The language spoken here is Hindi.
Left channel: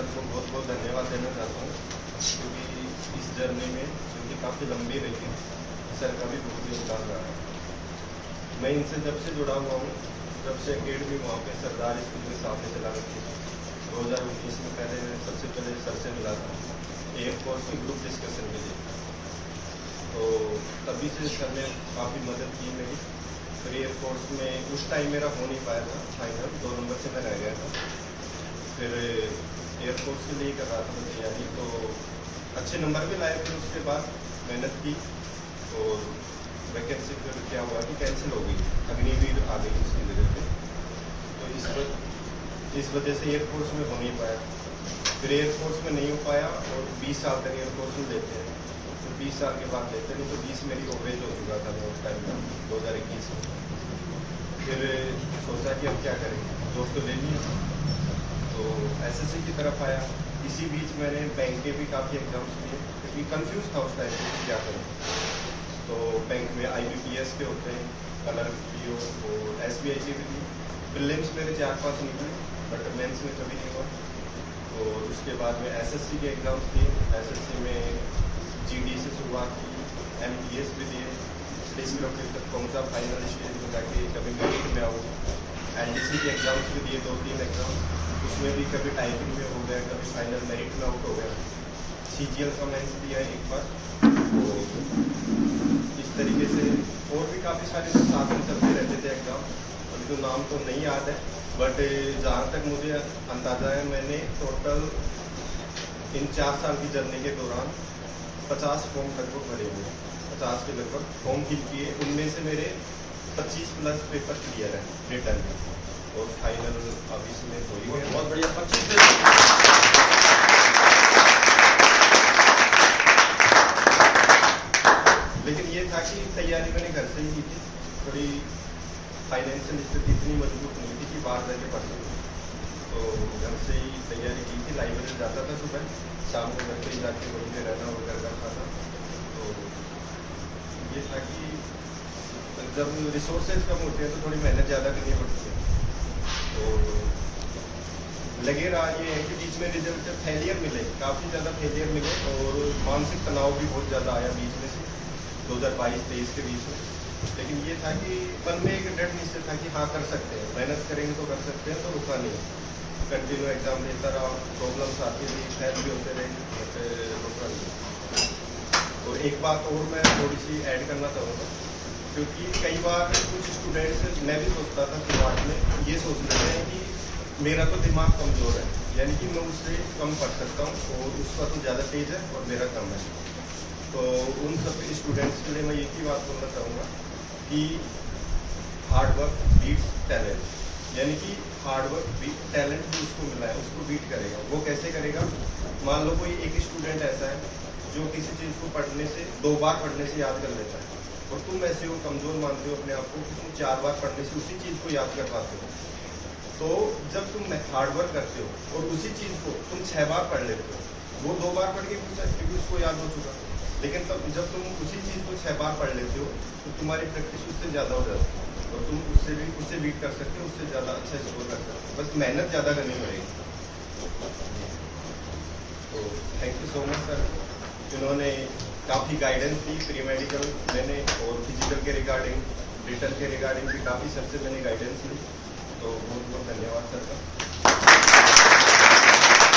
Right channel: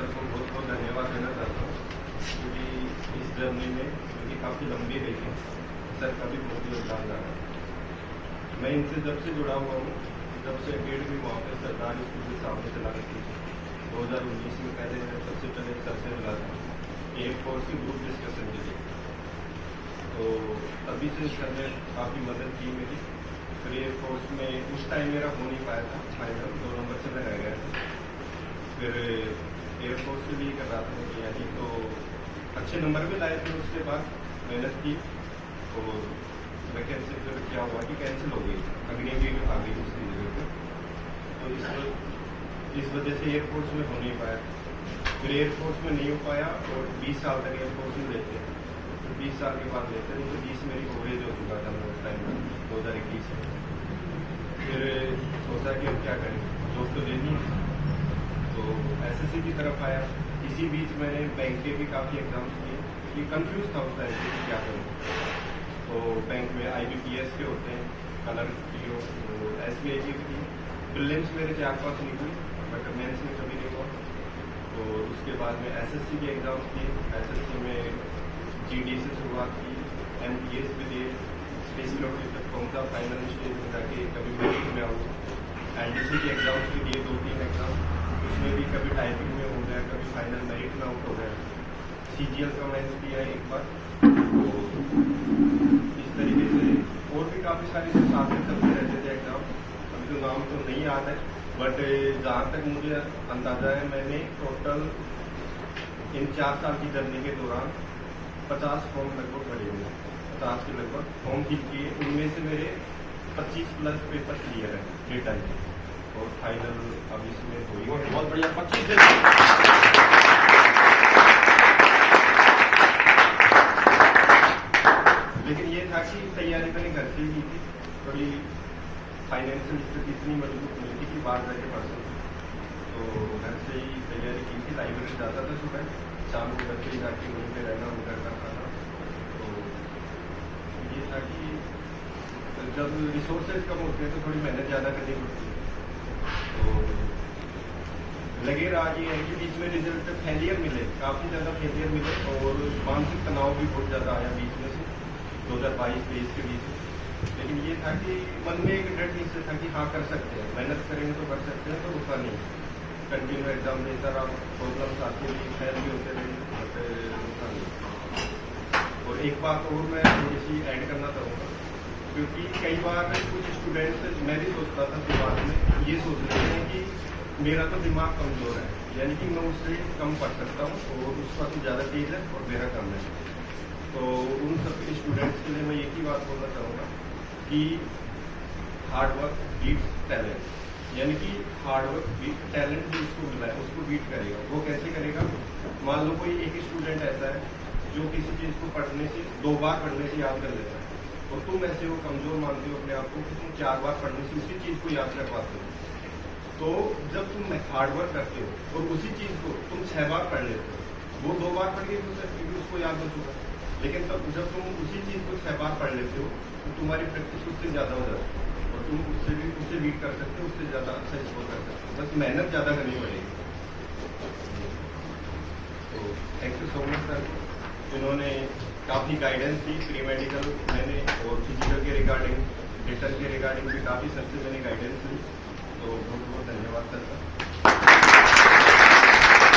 सर को बहुत बहुत धन्यवाद देना चाहता हूँ, क्योंकि इस जर्नी में क्योंकि काफ़ी लंबी रही है, सर का भी बहुत योगदान रहा है। मैं इनसे जब से जुड़ा हुआ हूँ, जब से अकेडमी वहाँ पे सरदार स्कूल के सामने चला रही थी 2019 में, पहले मैं सबसे पहले सर से मिला था एयरफोर्स की ग्रुप डिस्कशन के लिए। तो तभी से सर ने काफ़ी मदद की मेरी। फिर एयरफोर्स में उस टाइम मेरा हो नहीं पाया था फाइनल, 2 नंबर से मैं रह गया था। फिर एयरफोर्स के लिए कर रहा था तैयारी, तो अच्छे नंबर भी लाए थे। उसके बाद मेहनत की तो वैकेंसी फिर क्या हुआ कि कैंसिल हो गई, अग्निवीर आ गई उसकी जगह पे। तो इस वजह से एयरफोर्स में हो नहीं पाया। फिर एयरफोर्स में नहीं हो पाया और 20 साल तक एयरफोर्स में लेते हैं, तो 20 साल के बाद लेते हैं, तो 20 मेरी ओवरेज हो चुका था मैं उस टाइम पर 2021 में। फिर सोचा कि अब क्या करें, जॉब तो लेनी है, तो एसएससी की तरफ आया। इसी बीच मैंने बैंक के भी काफ़ी एग्जाम्स दिए, क्योंकि कंफ्यूज था उस टाइम पर क्या करूँ। तो बैंक में IBPS के होते हैं, क्लर्क PO, तो SBI के भी दिए। प्रीलिम्स मेरे 4-5 निकले, बट मेंस में कभी नहीं हुआ। तो उसके बाद में SSC के एग्ज़ाम्स दिए। SSC में GD से शुरुआत की, MTS भी दिए, डिस्ट्रिक्ट तक पहुँचा, फाइनल स्टेज में जाके कभी मेरिट में आऊँ। NDC के एग्ज़ाम्स भी दिए, 2-3 एग्ज़ाम, उसमें भी कभी टाइपिंग में हो गया, कभी फाइनल मेरिट में आउट हो गया। CGL का मेंस दिया एक बार। तो इस तरीके से और भी काफ़ी सारे जो साथ में चलते रहते थे एग्ज़ाम, अभी तो नाम तो नहीं याद है, बट जहाँ तक मुझे अंदाज़ा है, मैंने टोटल इन 4 साल की जर्नी के दौरान 50 फॉर्म लगभग भरे हुए, 50 के लगभग फॉर्म फिल किए। उनमें से मेरे 25+ पेपर क्लियर हैं रिटर्न में, और फाइनल अब इसमें हो ही गया। बहुत बढ़िया। 25 लेकिन ये था कि तैयारी मैंने घर से ही की थी, थोड़ी फाइनेंशियल स्थिति इतनी मजबूत नहीं थी कि बाहर जाके पढ़ सकूँ, तो घर से ही तैयारी की थी। लाइब्रेरी जाता था सुबह, शाम को घर से ही जाके वहीं पे रहना वो करना था। तो ये था कि जब रिसोर्सेज कम होते हैं तो थोड़ी मेहनत ज़्यादा करनी पड़ती है। तो लगे रहा ये है कि बीच में रिजल्ट फेलियर मिले, काफ़ी ज़्यादा फेलियर मिले, और मानसिक तनाव भी बहुत ज़्यादा आया बीच में से 2022-23 के बीच में। लेकिन ये था कि मन में एक दृढ़ निश्चय था कि हाँ कर सकते हैं, मेहनत करेंगे तो कर सकते हैं, तो रुका नहीं। कंटिन्यू एग्जाम देता रहा, प्रॉब्लम्स आती रही, फेल भी होते रहे, बट रुका नहीं। और एक बात और मैं थोड़ी सी ऐड करना चाहूँगा, क्योंकि कई बार कुछ स्टूडेंट्स, मैं भी सोचता था शुरुआत में, ये सोच लेते हैं कि मेरा तो दिमाग कमज़ोर है, यानी कि मैं उससे कम पढ़ सकता हूँ, और उसका तो ज़्यादा तेज है और मेरा कम है। तो उन सब स्टूडेंट्स के लिए मैं एक ही बात बोलना चाहूँगा कि हार्ड वर्क बीट्स टैलेंट, यानी कि हार्ड वर्क टैलेंट जो उसको मिला है उसको बीट करेगा। वो कैसे करेगा? मान लो कोई एक स्टूडेंट ऐसा है जो किसी चीज़ को पढ़ने से 2 बार पढ़ने से याद कर लेता है, और तुम ऐसे हो कमज़ोर मानते हो अपने आप को कि तुम 4 बार पढ़ने से उसी चीज़ को याद कर पाते हो। तो जब तुम हार्ड वर्क करते हो और उसी चीज़ को तुम 6 बार पढ़ लेते हो, वो 2 बार पढ़ के क्योंकि उसको याद हो चुका। लेकिन तब जब तुम उसी चीज़ को 6 बार पढ़ लेते हो, तो तुम्हारी प्रैक्टिस उससे ज़्यादा हो जाती है, और तुम उससे बीट कर सकते हो, उससे ज़्यादा अच्छा स्कोर कर सकते हो। बस मेहनत ज़्यादा करनी पड़ेगी। तो thank you so much sir, इन्होंने काफ़ी गाइडेंस दी, प्री मेडिकल मैंने और फिजिकल के रिगार्डिंग, रिटर्न के रिगार्डिंग भी काफ़ी सर से मैंने गाइडेंस ली, तो बहुत बहुत धन्यवाद सर का।